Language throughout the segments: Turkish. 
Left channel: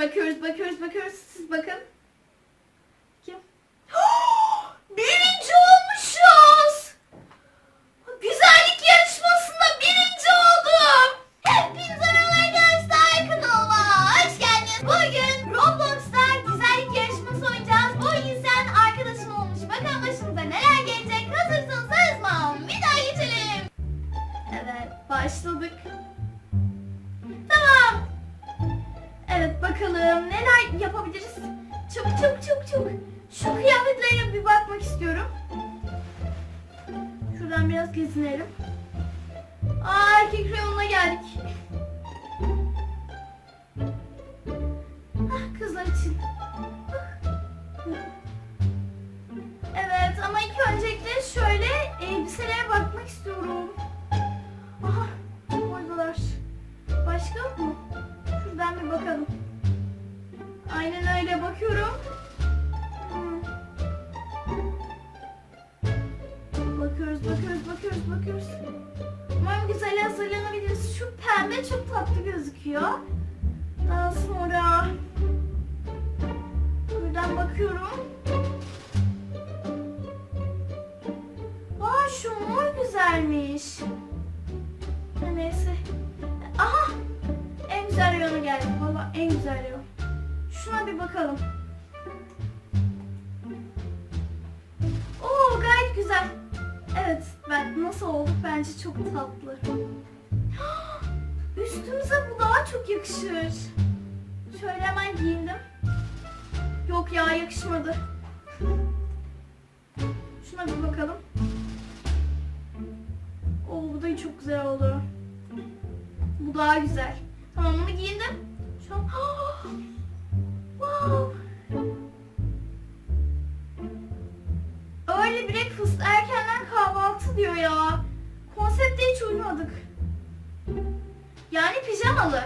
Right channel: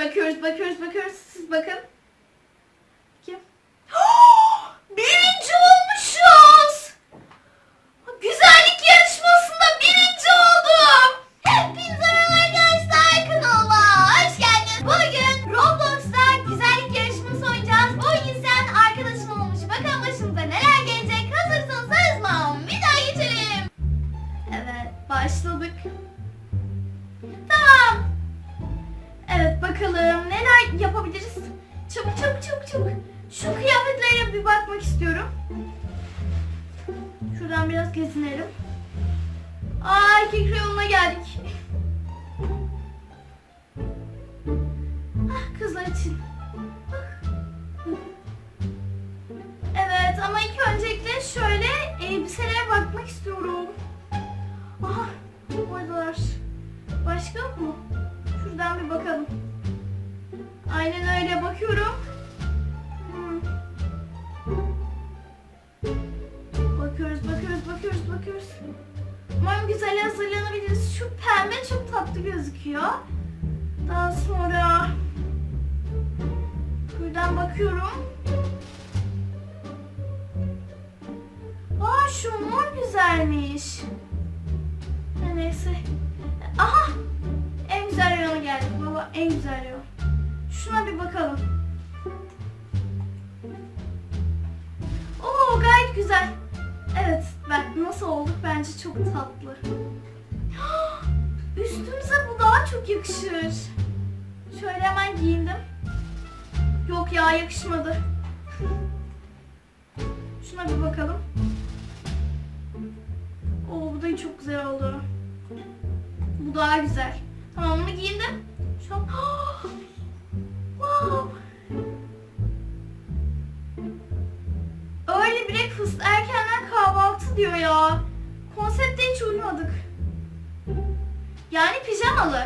Bakıyoruz, bakıyoruz, bakıyoruz. Siz bakın. Kim? birinci olmuşuz. Güzellik yarışmasında birinci oldum. Hepinize merhaba arkadaşlar kanalıma hoş geldiniz. Bugün Roblox'ta güzellik yarışması oynayacağız. O yüzden arkadaşım olmuş. Bakalım başımıza neler gelecek. Hazırsanız hızla bir daha geçelim. Evet başladık. Bakalım neler yapabiliriz. Çabuk çabuk çabuk çabuk. Şu kıyafetlere bir bakmak istiyorum. Şuradan biraz gezinelim. Aa erkek reyonuna geldik. Hah, kızlar için. Evet ama ilk öncelikle şöyle elbiselere bakmak istiyorum. Aha oradalar. Başka mu? Şuradan bir bakalım. Aynen öyle bakıyorum. Bakıyoruz, bakıyoruz, bakıyoruz, bakıyoruz. Umarım güzel hazırlanabiliriz. Şu pembe çok tatlı gözüküyor. Daha sonra buradan bakıyorum. Aa şu mor güzelmiş. Neyse. Aha! En güzel reyona geldik baba. En güzel reyon. Şuna bir bakalım. Oo gayet güzel. Evet ben nasıl olduk bence çok tatlı. Üstümüze bu daha çok yakışır. Şöyle hemen giyindim. Yok ya yakışmadı. Şuna bir bakalım. Oo bu da çok güzel oldu. Bu daha güzel. Tamam bunu giyindim. Şu an... Early breakfast erkenden kahvaltı diyor ya. Konsepte hiç uymadık. Yani pijamalı.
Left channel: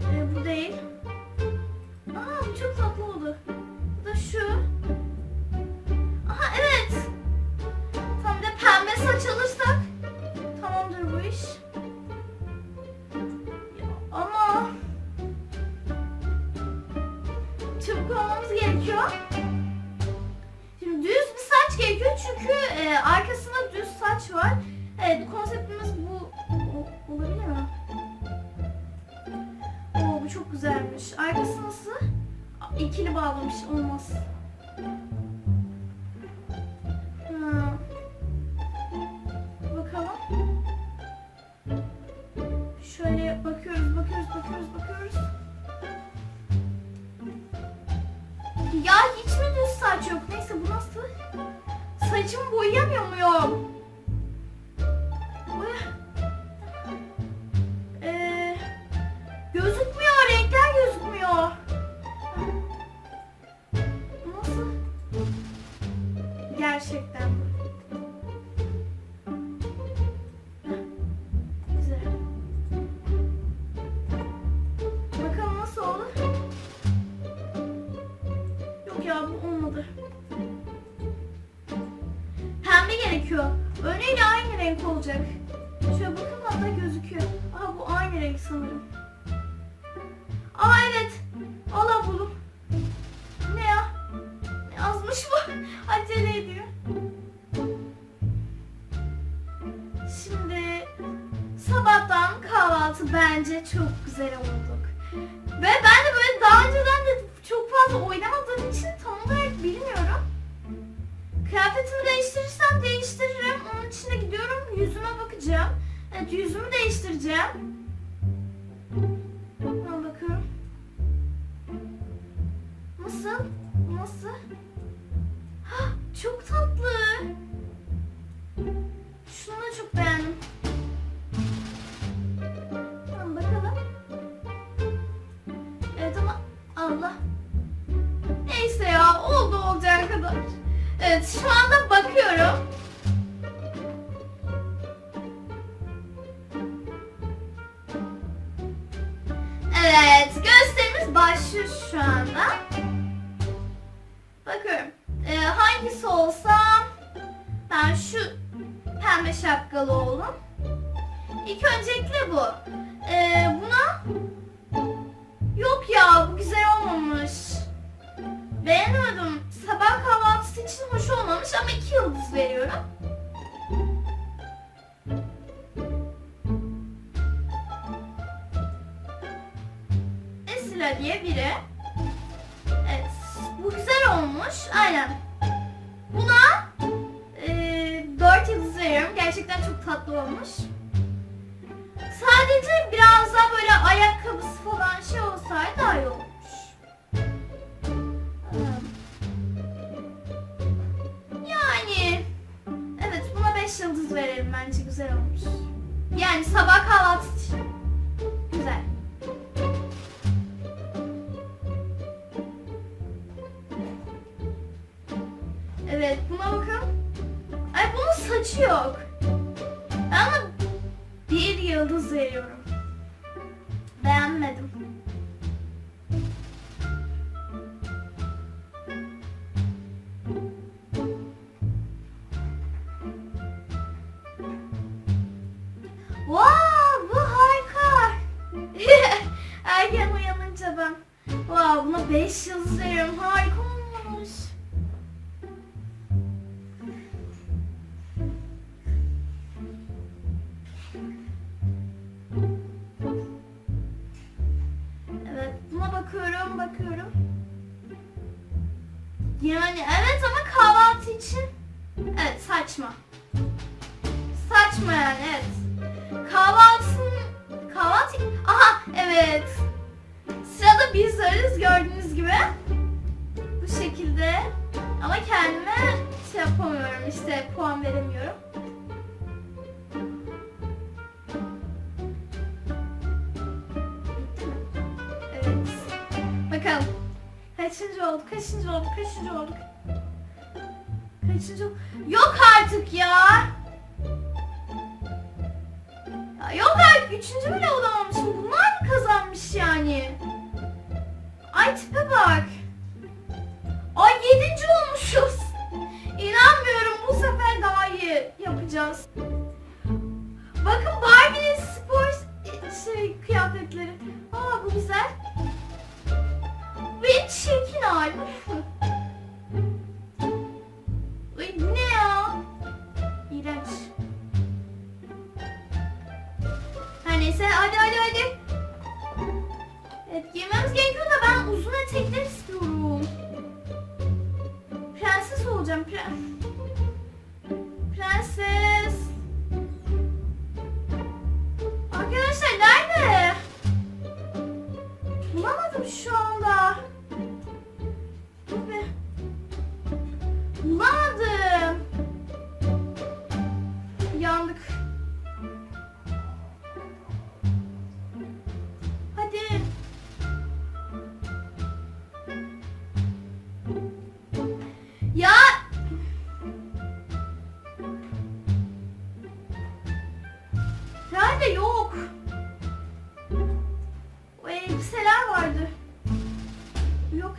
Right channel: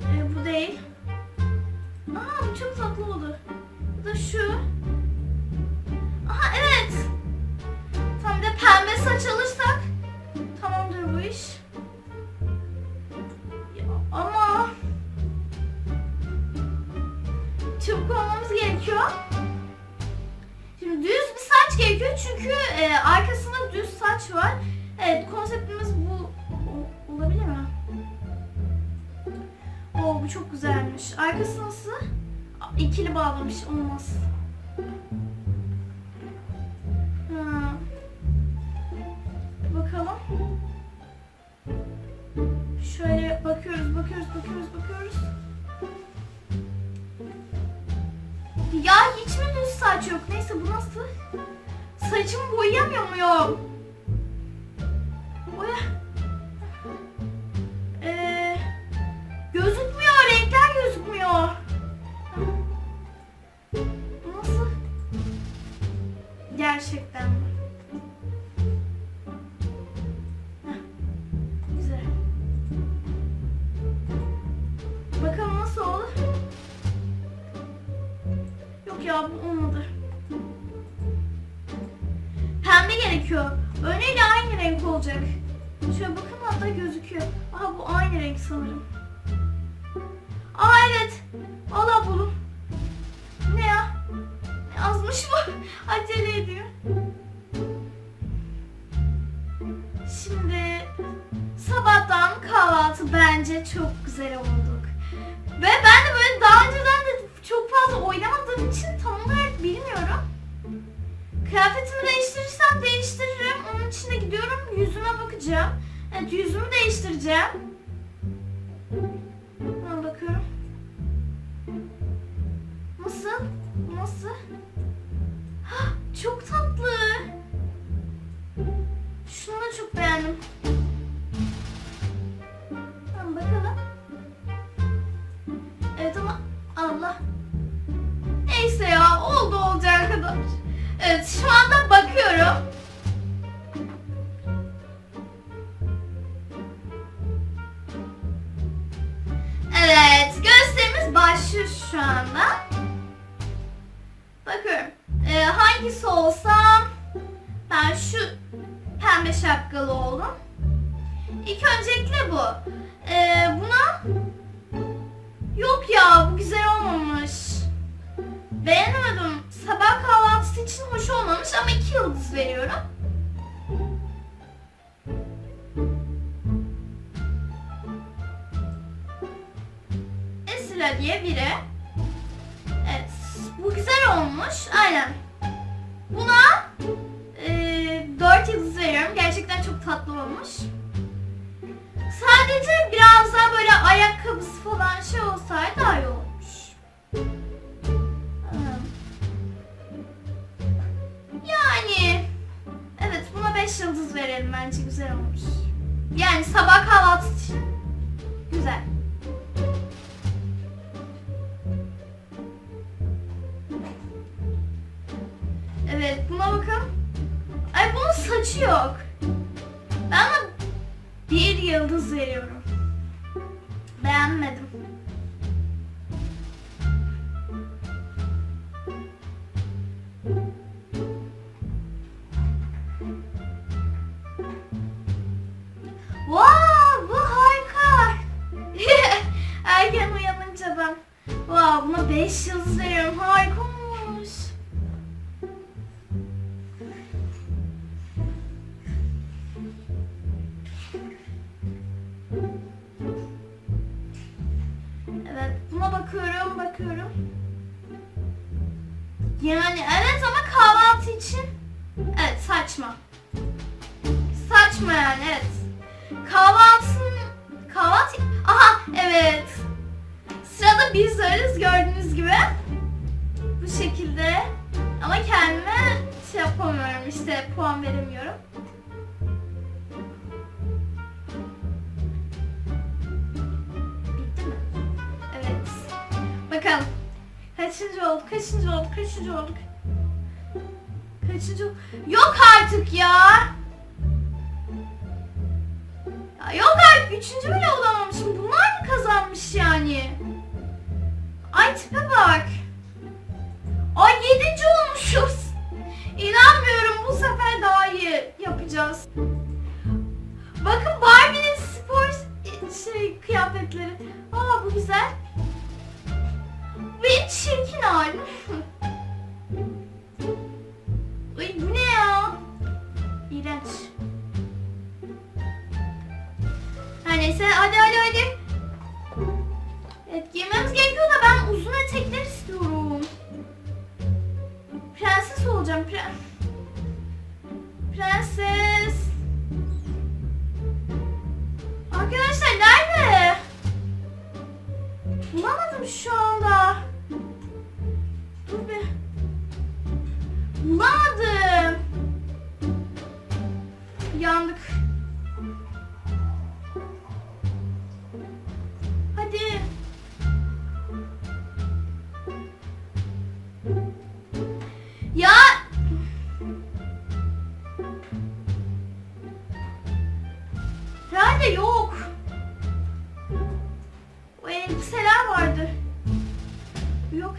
Ee, bu değil. Çünkü e, arkasında düz saç var. Evet konseptimiz bu olabilir mi? Oo bu çok güzelmiş. Arkası nasıl? İkili bağlamış olmaz. Ha. Bakalım. Şöyle bakıyoruz, bakıyoruz, bakıyoruz, bakıyoruz. Ya 情不一样，有没有？Gerekiyor. Önüyle aynı renk olacak. Şöyle bakın hatta gözüküyor. Aha bu aynı renk sanırım. Aa evet. Allah buldum. Ne ya? Ne yazmış bu? Acele ediyor. Şimdi sabahtan kahvaltı bence çok güzel olduk. Ve ben de böyle daha önceden de Evet, şu anda bakıyorum. Evet, gösterimiz başlıyor şu anda. Bakıyorum. Ee, hangisi olsam ben şu pembe şapkalı oğlum. İlk öncelikle bu. Ee, buna yok ya bu güzel olmamış. Beğenemedim sabah kahvaltısı için hoş olmamış ama iki yıldız veriyorum. Esra diye biri. Evet, bu güzel olmuş. Aynen. Buna e, 4 yıldız veriyorum. Gerçekten çok tatlı olmuş. Sadece biraz daha böyle ayakkabısı falan şey olsaydı daha iyi olur. 5 yıldız verelim bence güzel olmuş. Yani sabah kahvaltı için güzel. Evet buna bakın. Ay bunun saçı yok. Ben ona bir yıldız veriyorum. Beğenmedim. 5 yıldız veriyorum. Harika olmuş. Evet, buna bakıyorum, bakıyorum. Yani evet ama kahvaltı için evet saçma. Saçma yani evet. Kahvaltın kahvaltı aha evet. Sırada biz varız gördüğünüz gibi. Bu şekilde. Ama kendime şey yapamıyorum işte puan veremiyorum. Bitti mi? Evet. Bakalım. Kaçıncı olduk? Kaçıncı olduk? Kaçıncı olduk? Kaçıncı? Yok artık ya. Ya yok artık. Üçüncü bile olamamışım. Bunlar mı kazanmış yani? Ay bak. Ay yedinci olmuşuz. İnanmıyorum bu sefer daha iyi yapacağız. Bakın Barbie'nin spor şey kıyafetleri. Aa bu güzel. Ve çirkin hali. Ay bu ne ya? İğrenç. Her neyse hadi hadi hadi. Evet giymemiz gerekiyor da ben uzun etekler istiyorum. Prenses olacağım pre Prenses. Arkadaşlar nerede? Bulamadım şu anda. Dur be. Bulamadım.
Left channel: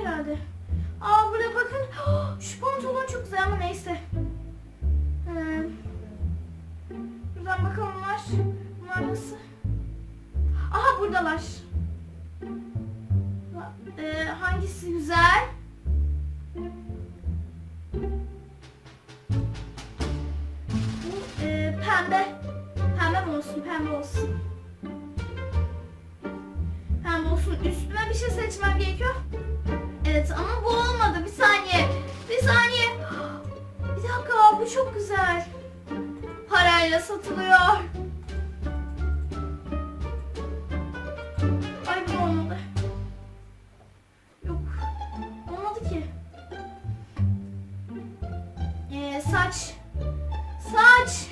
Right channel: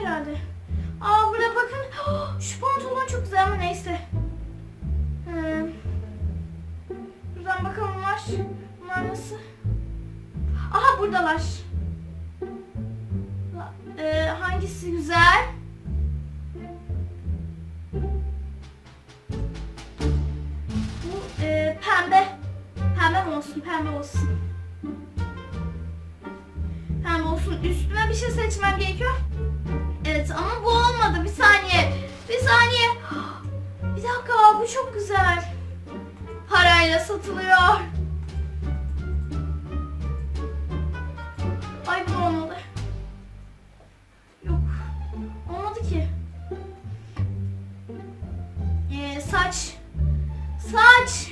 Herhalde. Aa burada bakın. Şu pantolon çok güzel ama neyse. Ee, buradan bakalım bunlar. Bunlar nasıl? Aha buradalar. Ee, hangisi güzel? Bu e, pembe. Pembe mi olsun? Pembe olsun. Pembe olsun. Üstüme bir şey seçmem gerekiyor. Evet ama bu olmadı. Bir saniye. Bir saniye. Bir dakika bu çok güzel. Parayla satılıyor. Ay bu olmadı. Yok. Olmadı ki. Ee, saç. Saç.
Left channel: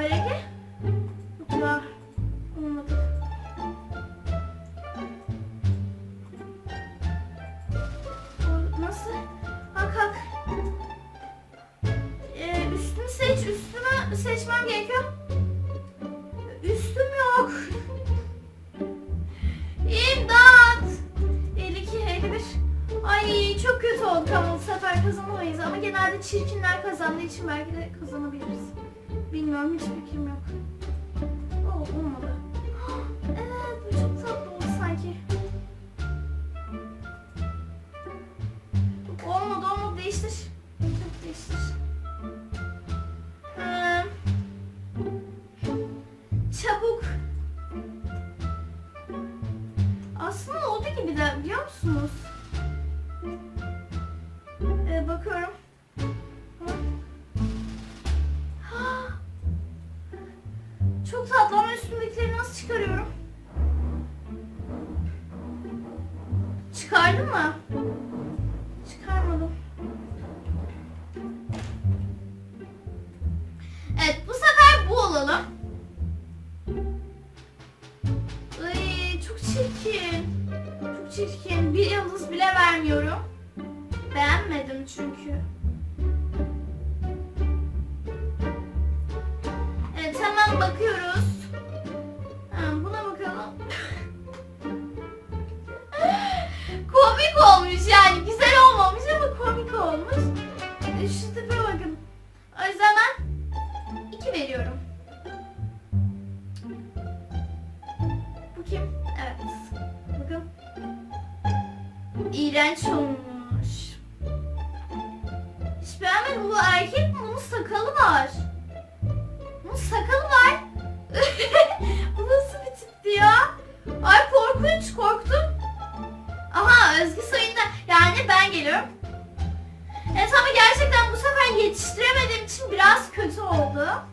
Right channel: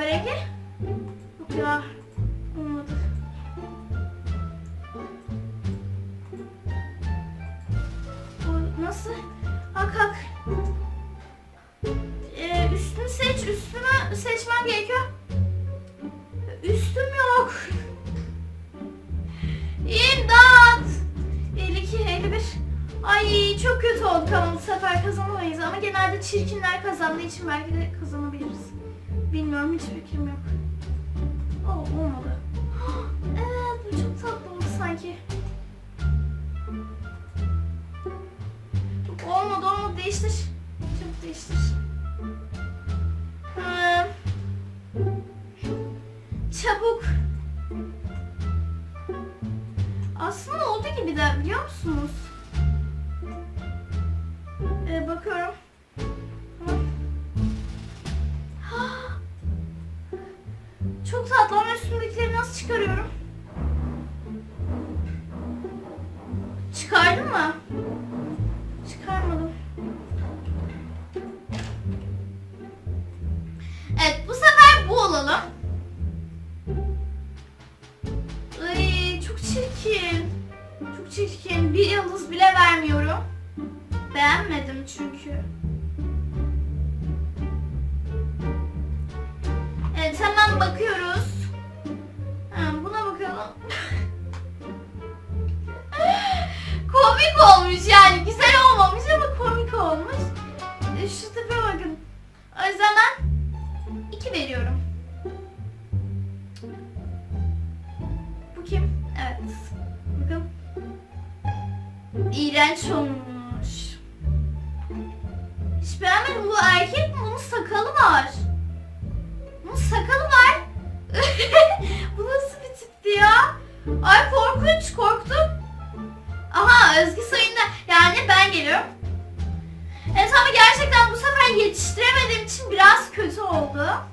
Kahverengi? Yok ya. Olmadı. O nasıl? Ha kalk. Ee, üstünü seç. Üstümü seçmem gerekiyor. Üstüm yok. İmdat. 52, 51. Ay çok kötü olduk ama bu sefer kazanamayız. Ama genelde çirkinler kazandığı için belki de kazanabiliriz. Bilmiyorum hiç fikrim yok. Oh, olmadı. Evet bu çok tatlı oldu sanki. Olmadı olmadı değiştir. Çok değiştir. Çabuk. Aslında oldu gibi de biliyor musunuz? Ee, bakıyorum. Çıkarıyorum? Çıkardın mı? Şu tipe bakın. O yüzden ben 2 veriyorum. Bu kim? Evet. Bakın. İğrenç olmuş. Hiç beğenmedim. Bu erkek mi? Bunun sakalı var. Bunun sakalı var. Bu nasıl bir tipti ya? Ay korkunç korktum. Aha Özgü Sayın'da kötü oldu.